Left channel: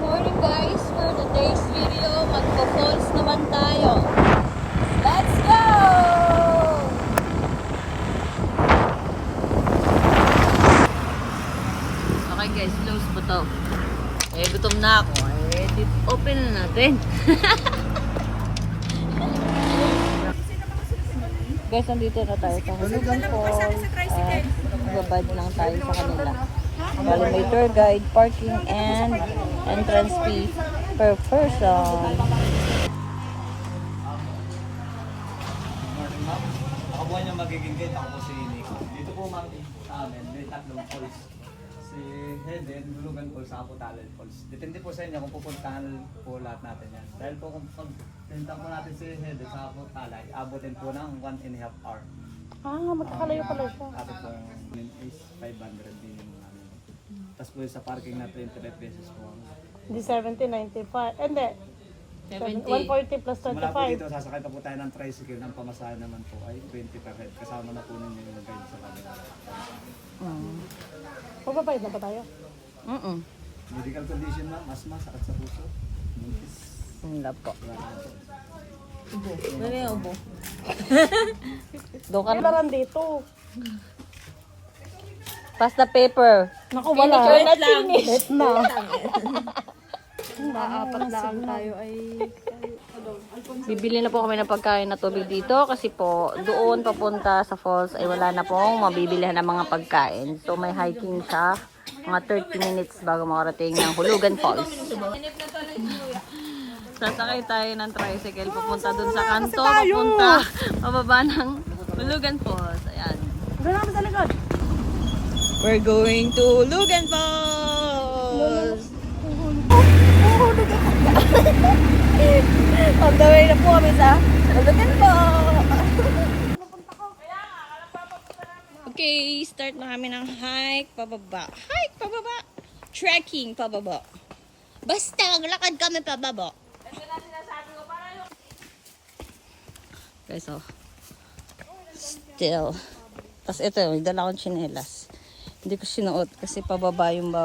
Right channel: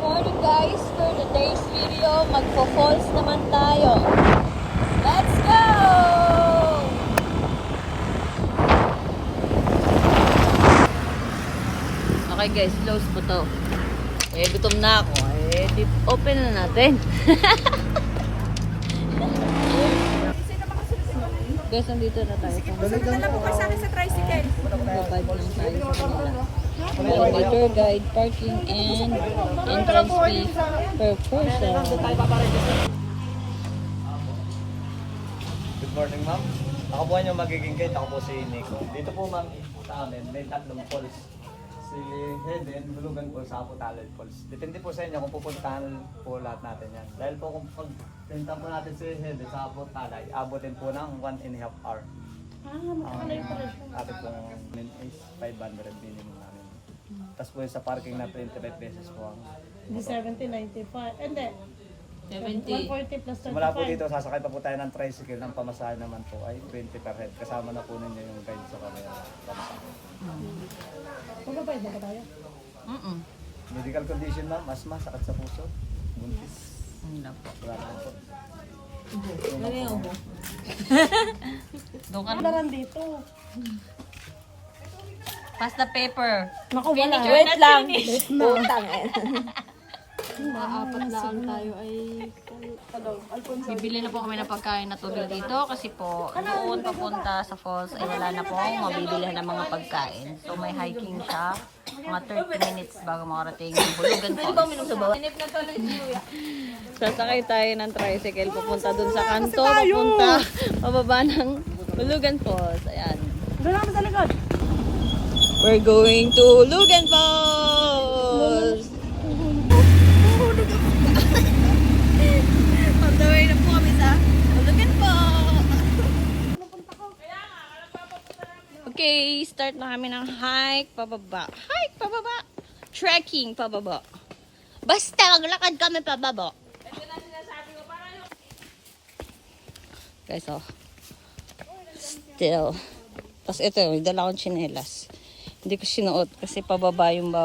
morning guys! For today's video, magpo-falls naman tayo. Let's go! Okay guys, close po to. Gutom na ako. Open na natin. Guys, nandito na tayo. Babad lang tayo sa kanila. May tour guide, parking, and entrance fee per person. Good morning, ma'am. Ako po yung magiging guide. Ako po si Nico. Dito po, ma'am, sa amin, may tatlong falls. Si Heden, Bulugan Falls, saka po Talent Falls. Depende po sa inyo kung pupuntahan po lahat natin yan. Dahil po kung pagpunta po natin si Heden, saka po Talay, abutin po ng 1.5 hour. Magkakalayo pala siya. Sabi pong is 500 minimum namin. Tapos po yung sa parking na 25 pesos po ang... Hindi 70, 95. Hindi. 70. 140 plus 25. Mula po dito, sasakay pa po tayo ng tricycle. Ang pamasahe naman po ay 20 per head. Kasama na po ninyo yung guide sa kanila. Magbabayad na ba tayo? Medical condition, ma'am, asma, sakit sa puso. Hindi po. Wala po. Ano yung ubo? Doon ka na. Kailangan dito. Pass the paper. Naku, wala. Wait lang. Wait na. Apat lang tayo ay Bibili na po kami ng pagkain na tubig dito kasi po doon papunta sa falls ay wala na pong mabibilihan ng mga pagkain. So may hiking siya. Mga 30 minutes bago makarating ng Hulugan Falls. Sasakay tayo ng tricycle papunta doon sa kanto. Papunta pababa ng Hulugan Falls. Ayan. Doon naman sa likod. We're going to Hulugan Falls! On the way na po kami sa Hulugan Falls! Okay, start na kami ng hike pababa. Hike pababa! Trekking pababa. Basta maglakad kami pababa. Guys, oh. Still. Tapos ito, may dala akong tsinelas. Hindi ko sinuot kasi pababa yung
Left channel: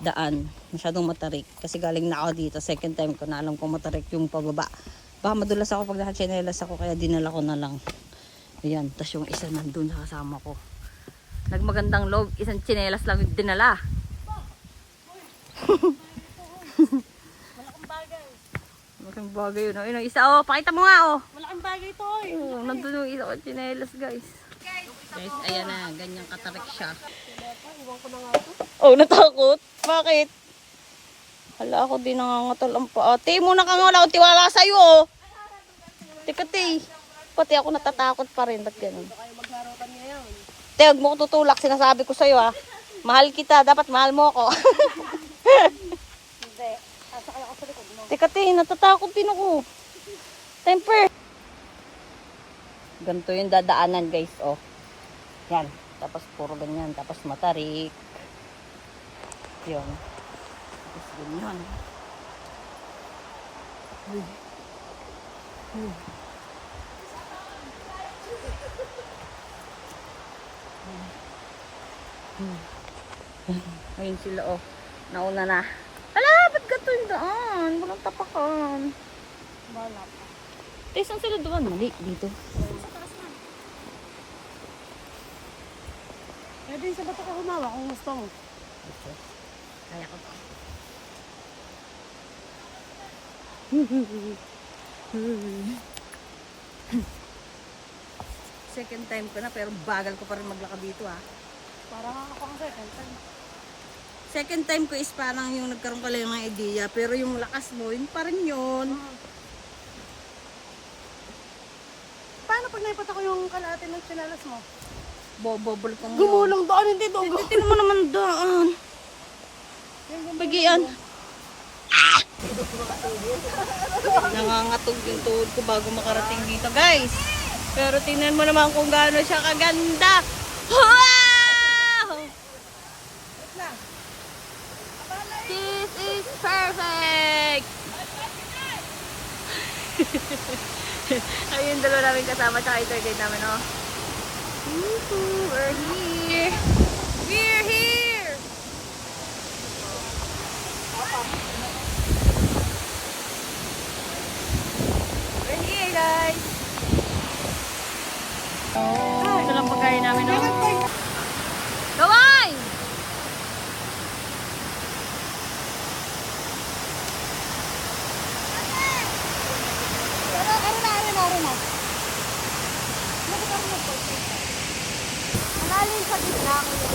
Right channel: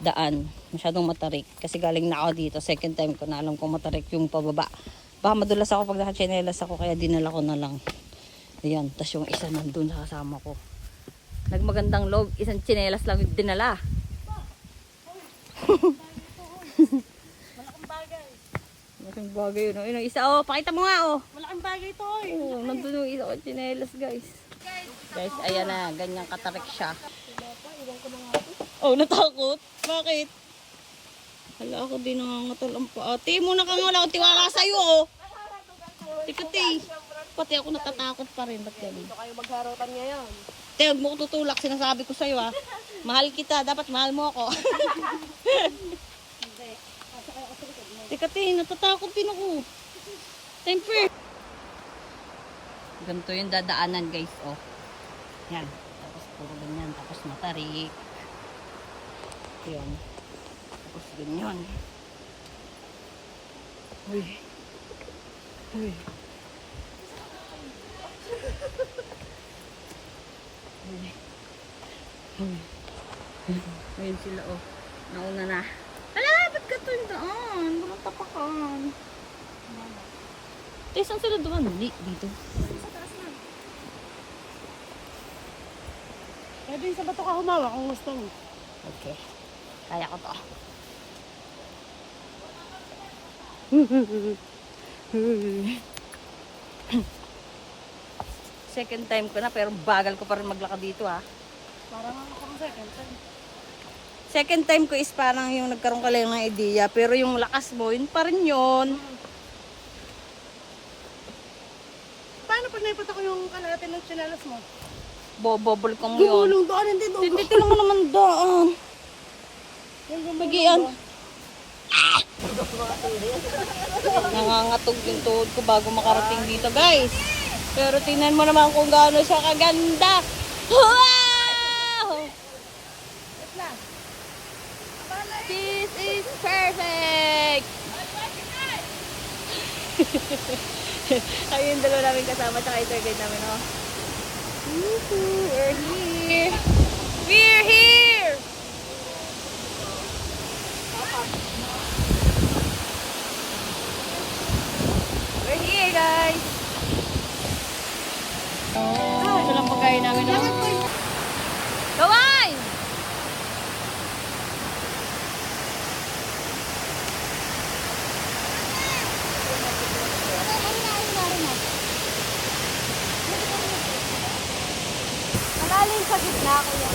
daan. Masyadong matarik. Kasi galing na ako dito. Second time ko na alam kung matarik yung pababa. Baka madulas ako pag nakatsinelas ako kaya dinala ko na lang. Ayan. Tapos yung isa nandun sa kasama ko. Nagmagandang loob. Isang tsinelas lang yung dinala. Malaking bagay. Malaking bagay yun. Ayun ang isa. Oh, pakita mo nga oh. Malaking bagay ito eh. Oh, nandun yung isa ko tsinelas guys. Guys, ayan na. Ganyang katarik siya. Iwan ko na nga ito. Oh, natakot? Bakit? Hala, ako din nangangatol ang paa. Te, muna ka nga. Wala akong tiwala sa'yo, oh. Teka, te. Pati ako natatakot pa rin. Ba't ganun? Ito kayo magharutan ngayon. Te, huwag mo ko tutulak. Sinasabi ko sa'yo, ah. Mahal kita. Dapat mahal mo ako. Hindi. Asa kayo ako sa likod. Teka, te. Natatakot din ako. Temper. Ganito yung dadaanan, guys, oh. Yan. Tapos puro ganyan. Tapos matarik. Yun. Tapos ganyan. Uy. Uy. Uy. Uy. Ayun sila, oh. Nauna na. Hala, ba't gato yung daan? Walang tapakan. Saan sila doon? Mali, dito. Pwede sa bato ka humawa kung gusto mo. Okay. Kaya ko to. Second time ko na pero bagal ko pa rin maglakad dito ah. Parang ako ang second time. Second time ko is parang yung nagkaroon ka lang ng idea pero yung lakas mo, yun pa rin yun. Paano pag naipat ako yung kalahati ng tsinelas mo? Bobobol ko mo yun. Gumulong doon, hindi doon. Hindi, tinan mo naman daan. Bagian. Nangangatog yung tuhod ko bago makarating dito, guys. Pero tingnan mo naman kung gaano siya kaganda. Wow! This is perfect! Ayun, dalawa namin kasama tsaka ito guide namin, oh. Woohoo! We're here! We're here! guys. Oh, ito lang pagkain namin. Oh. Kaway! Malalim sa gitna, kuya.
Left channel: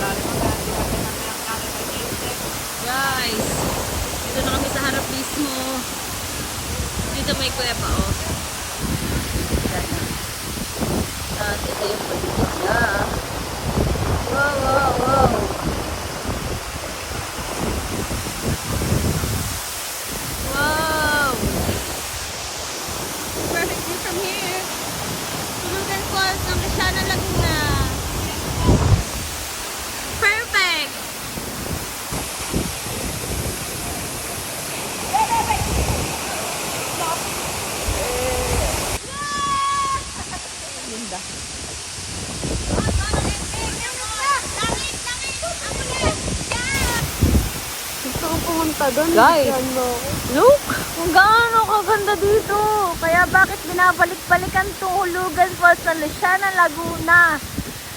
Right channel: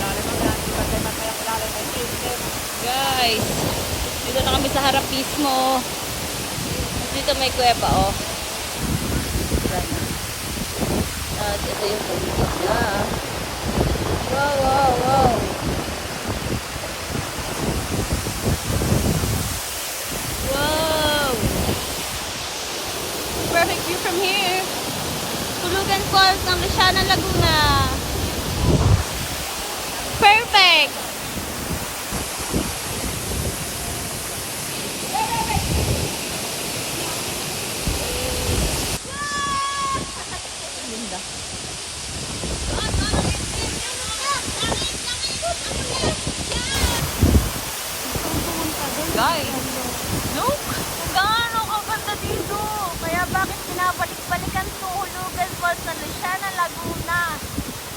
Guys, dito na kami sa harap mismo. Dito may kuweba, oh. Yan na. At ito yung paligid na. Wow, wow, wow. Wow. Perfect view from here. Tulugan Falls ng Luciana, Laguna. Perfect. Linda. Guys, look! Kung gaano kaganda dito. Kaya bakit binabalik-balikan tuhulugan po sa Luciana, Laguna.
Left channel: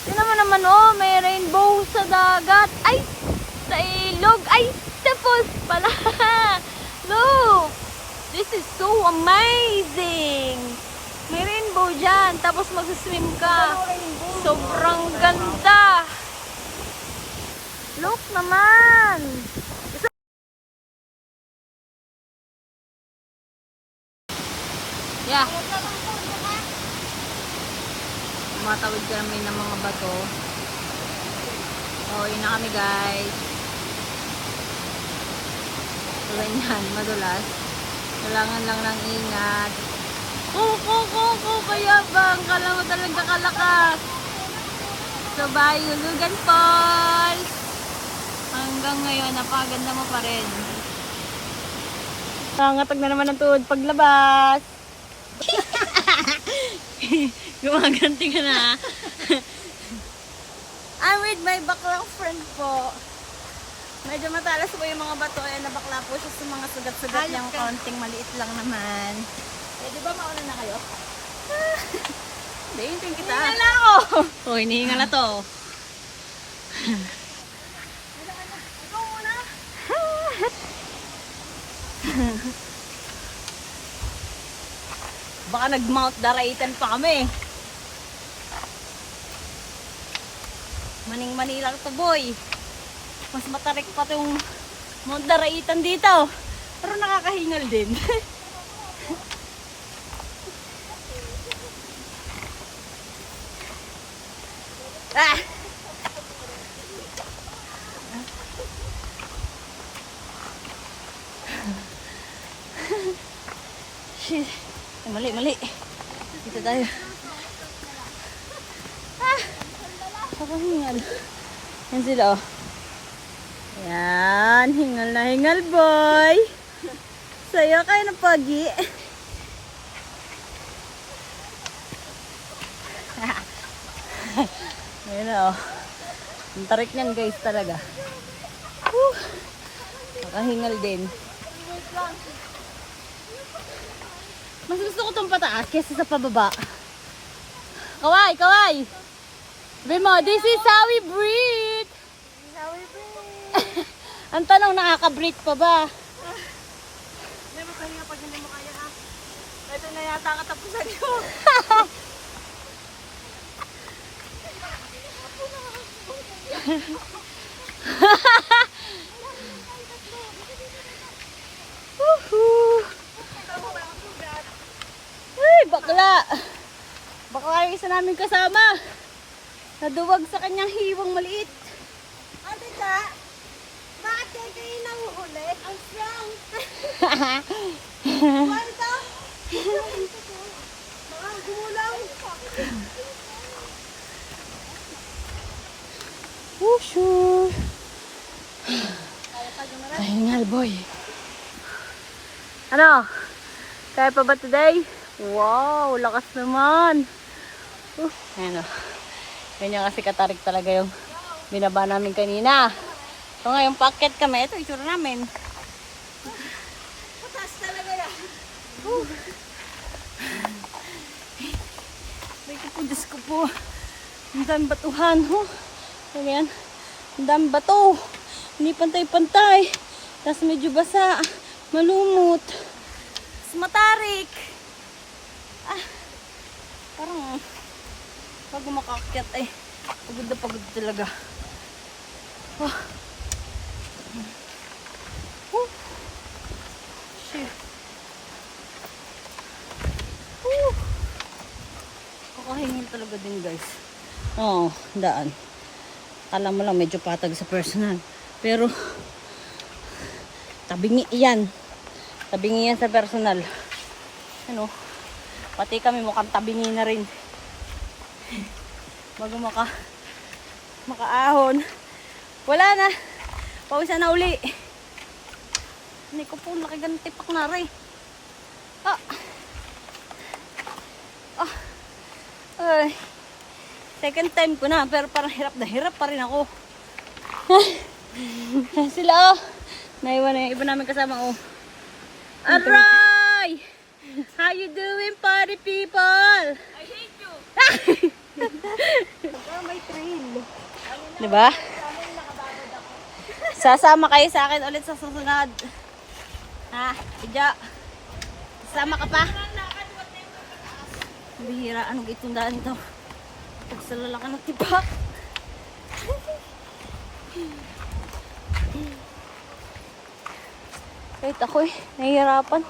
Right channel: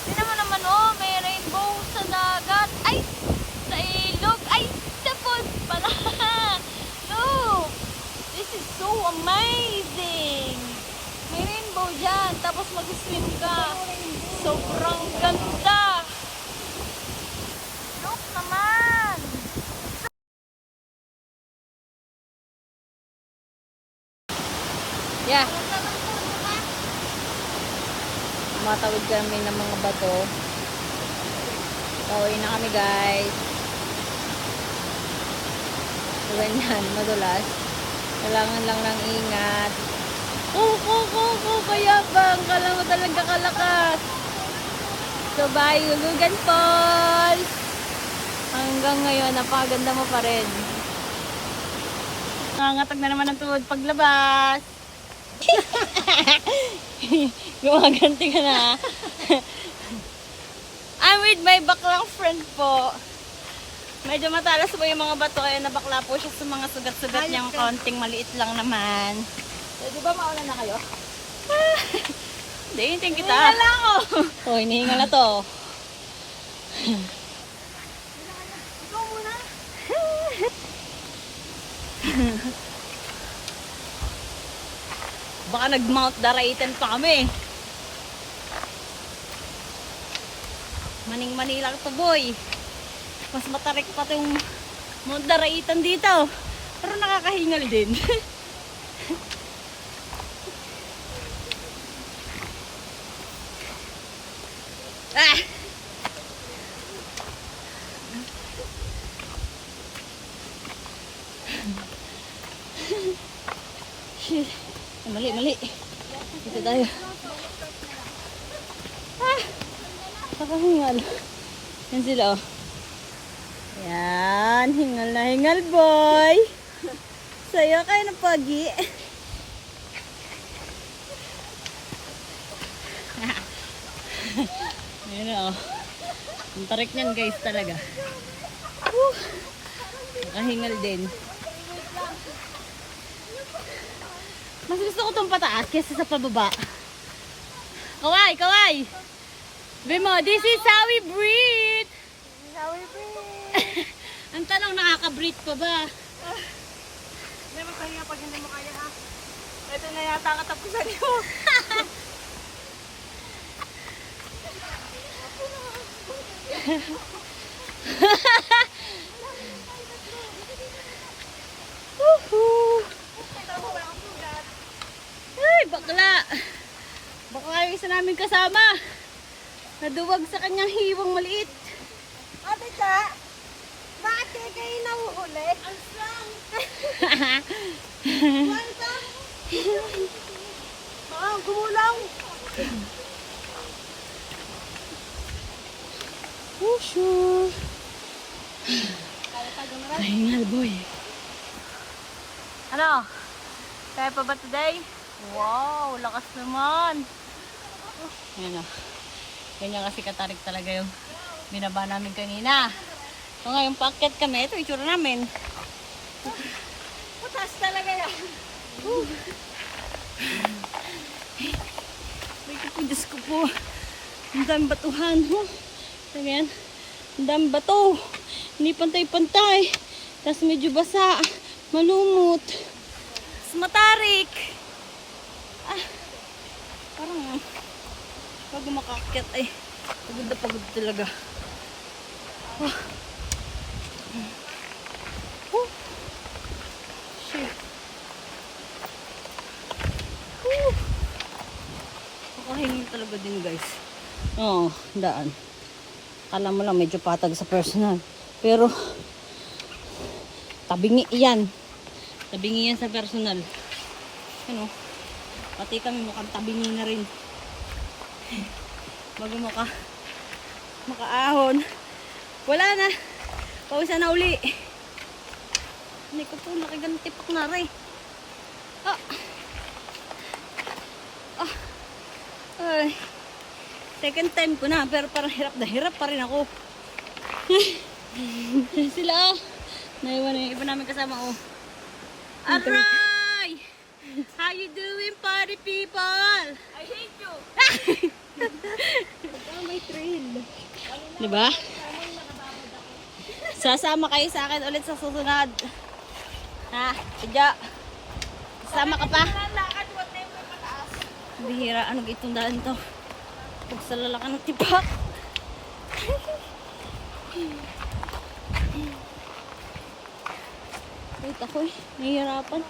Tingnan mo naman, oh, may rainbow sa dagat. Ay, sa ilog. Ay, sa falls pala. Look! This is so amazing. May rainbow dyan. Tapos mag-swim ka. Sobrang ganda. Look naman. Yeah. Matawid kami ng mga bato. Pauwi na kami, guys. So, ganyan, madulas. Kailangan lang ng ingat. Kaya bang, kala mo talaga kalakas. So, bye, Hulugan Falls. Hanggang ngayon, napakaganda mo pa rin. Nangatag na naman ang tuhod paglabas. Gumaganti ka na. I'm with my baklang friend po. Medyo matalas po yung mga bato, kaya nabakla po siya sa mga sugat-sugat niyang konting maliit lang naman. Eh, di ba mauna na kayo? Hindi, hinting kita. Hinihingal na ako. Oh, hinihingal na to. Ikaw muna. Baka nag-Mount Daraitan pa kami. Maning-mani lang to, boy. Mas matarik pa itong Mount Daraitan dito. Pero nakakahingal din. Ah! Shit. Mali. Dito tayo. Ah! Nakahingal. Yan sila, oh. Yan. Hingal na hingal, boy. Sayo kayo ng pagi. Ayun na, oh. Ang tarik niyan, guys, talaga. Nakahingal din. Mas gusto ko itong pataas kaysa sa pababa. Kaway! Bimo, this is how we breathe. Ang tanong, nakaka-breathe pa ba? Hindi mo kaya pag hindi mo kaya, ha? Ito na yata katapusan mo. Woohoo! Ay, bakla! Bakla yung isa namin kasama. Naduwag sa kanyang hiwang maliit. Ate ka, bakit kayo nahuhuli? Ang strong! Walta! Baka gumulaw! Sure. Kahingal, boy. Ano? Kaya pa ba today? Wow, lakas naman. Ano? Ganyan kasi katarik talaga yung binaba namin kanina. So ngayon packet kami. Ito itsura namin. Putas talaga yan! Oh, ang daming batuhan. Oh. So, yan. Ang daming bato. Hindi pantay-pantay. Tapos medyo basa. Malumot. Tapos matarik. Ah, parang bago makakyat ay pagod na pagod talaga. Oh. Oh. Shit. Kakahingin talaga din guys. Oo, daan. Kala mo lang medyo patag sa personal. Pero, tabingi yan. Tabingi yan sa personal. Ano, pati kami mukhang tabingi na rin. Bago makaahon. Wala na. Pawisan na uli. Hindi ko po nakigan tipak na rin. Ah. Ah. Ay. Second time ko na, pero parang hirap na hirap pa rin ako. Sila oh. Naiwan na yung iba namin kasama oh. Aray! How you doing party people? I hate you! May trail. Diba? Sasama kayo sa akin ulit sa susunod. Ha? Tidya. Sasama ka pa? Bihira. Anong itundaan to? Pag sa lalaki ng tipak. Wait ako eh. Nahihirapan.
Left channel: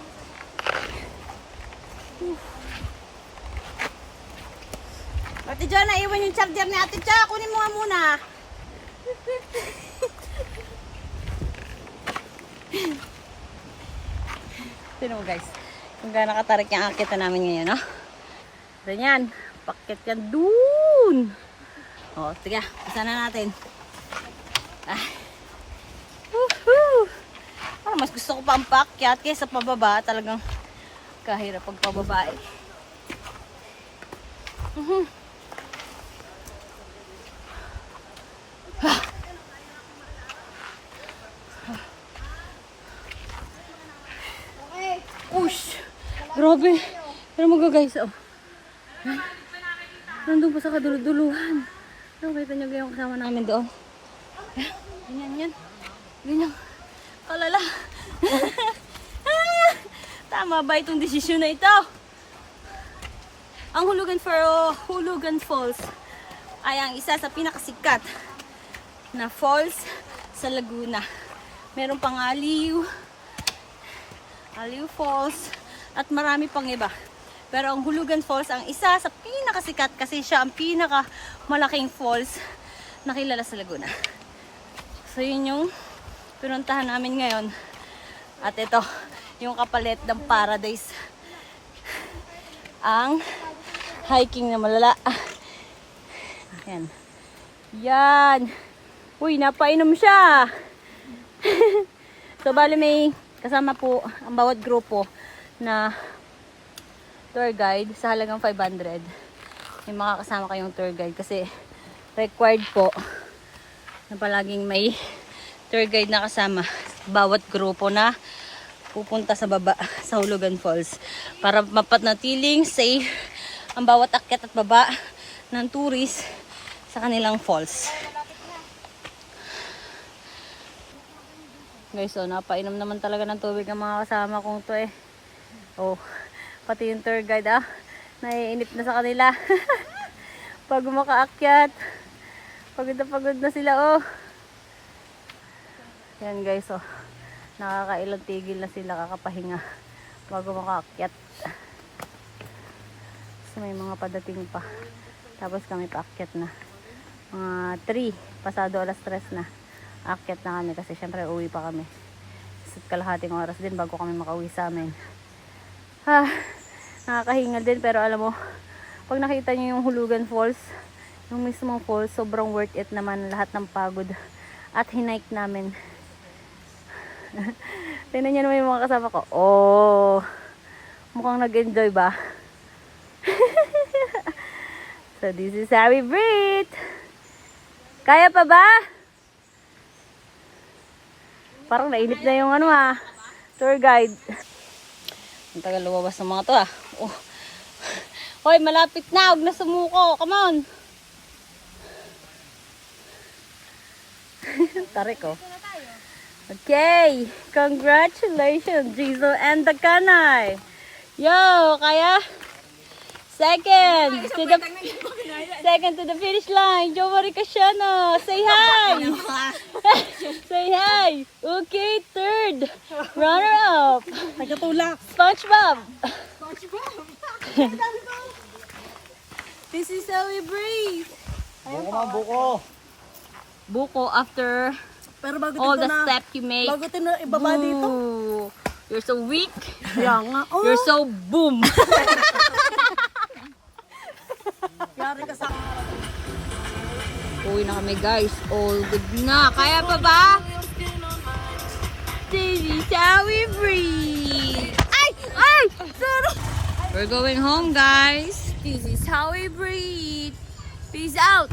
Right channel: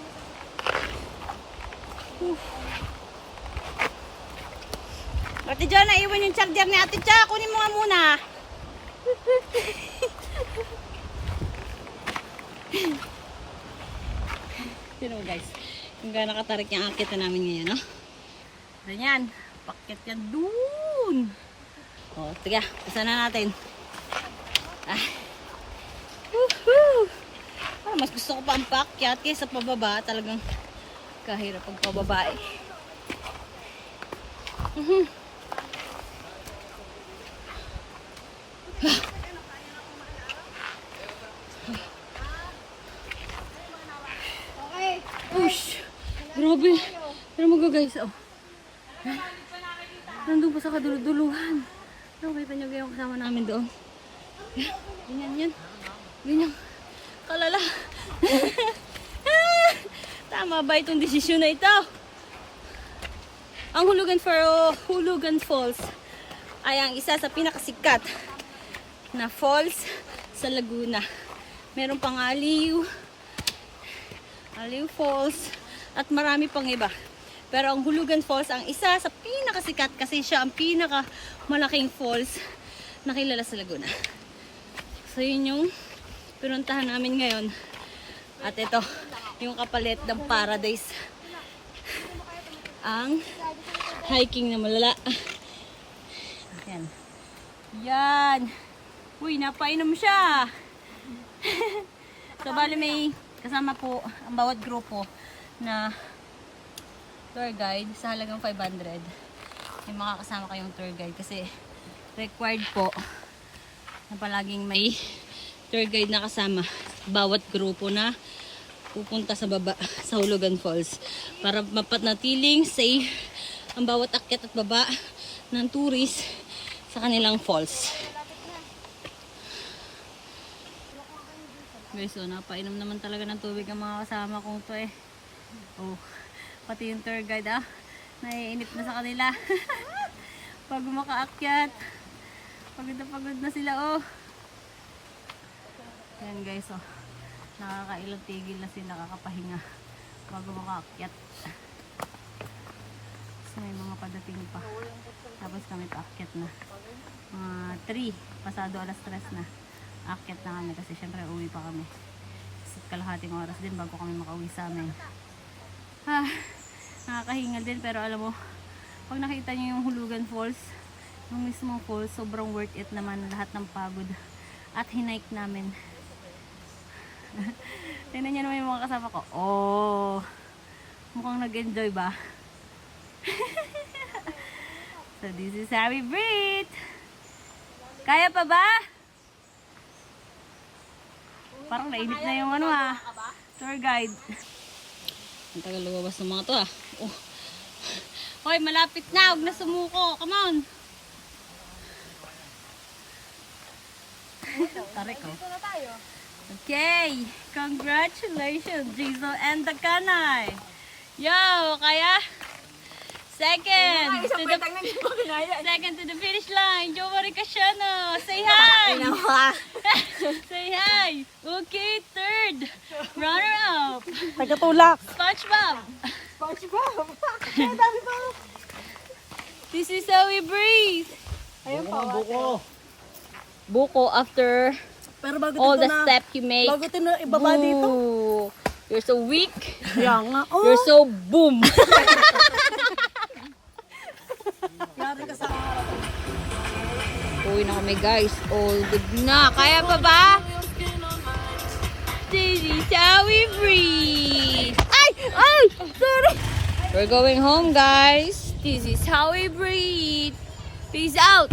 Ate Jo, naiwan yung charger ni Ate Jo. Kunin mo nga muna. Sino mo guys? Kung gaano katarik yung akita namin ngayon, no? Ganyan. Pakit yan dun. O, tiga. Pasa na natin. Ah. Woohoo! Parang mas gusto ko pa ang pakyat kaysa pababa. Talagang kahirap pag pababa eh. Push! Grabe! Pero mo guys, oh. Nandun pa sa kaduluduluhan. Ano, kita nyo yung kasama namin doon. Ganyan yan. Ganyan. Kalala. Tama ba itong desisyon na ito? Ang Hulugan Falls ay ang isa sa pinakasikat na falls sa Laguna. Meron pang Aliw Falls at marami pang iba. Pero ang Hulugan Falls ang isa sa pinakasikat kasi siya ang pinakamalaking falls na kilala sa Laguna. So yun yung pinuntahan namin ngayon. At ito, yung kapalit ng paradise. Ang hiking na malala. Yan. Yan. Uy, napainom siya. So bali may kasama po ang bawat grupo na tour guide sa halagang 500. May makakasama kayong tour guide kasi required po na palaging may tour guide na kasama bawat grupo na pupunta sa baba sa Hulugan Falls para mapanatiling safe ang bawat akyat at baba ng tourist sa kanilang falls. Guys, so napainom naman talaga ng tubig ang mga kasama kong to eh. Oh, pati yung tour guide naiinip na sa kanila. Pag makaakyat, pagod na sila oh. Yan guys, oh. Nakakailang tigil na sila kakapahinga bago makaakyat. So, may mga padating pa. Tapos kami paakyat na. Mga 3, pasado alas 3 na. Aakyat na kami kasi syempre uwi pa kami. So, kalahating oras din bago kami makauwi sa amin. Nakakahingal din pero alam mo, pag nakita nyo yung Hulugan Falls, yung mismong falls, sobrang worth it naman lahat ng pagod at hinike namin. Tingnan nyo naman yung mga kasama ko. Oh, mukhang nag-enjoy ba? So this is how we breathe. Kaya pa ba? Parang nainip na yung tour guide. Ang tagal lumabas ng mga to Oh. Hoy, malapit na. Huwag na sumuko. Come on. Tarik ko. Ito na tayo. Okay. Congratulations, Diesel and the Kanay. Yo, kaya? Second to the finish line. Jo Marie Casiano. Say hi. Say hi. Okay, third. Runner up. Tagatulak. SpongeBob. SpongeBob. Ang dami pa. This is how we breathe. Buko man, buko. Buko after Pero bago all dito the na, steps you make. bago ito ibaba dito. Ooh, you're so weak. Kaya nga. Oh, You're so boom. yari ka sa Uwi na kami guys. All good na. Kaya pa ba? This is how we breathe. Ay! Ay! Sorry! We're going home guys. This is how we breathe. Peace out.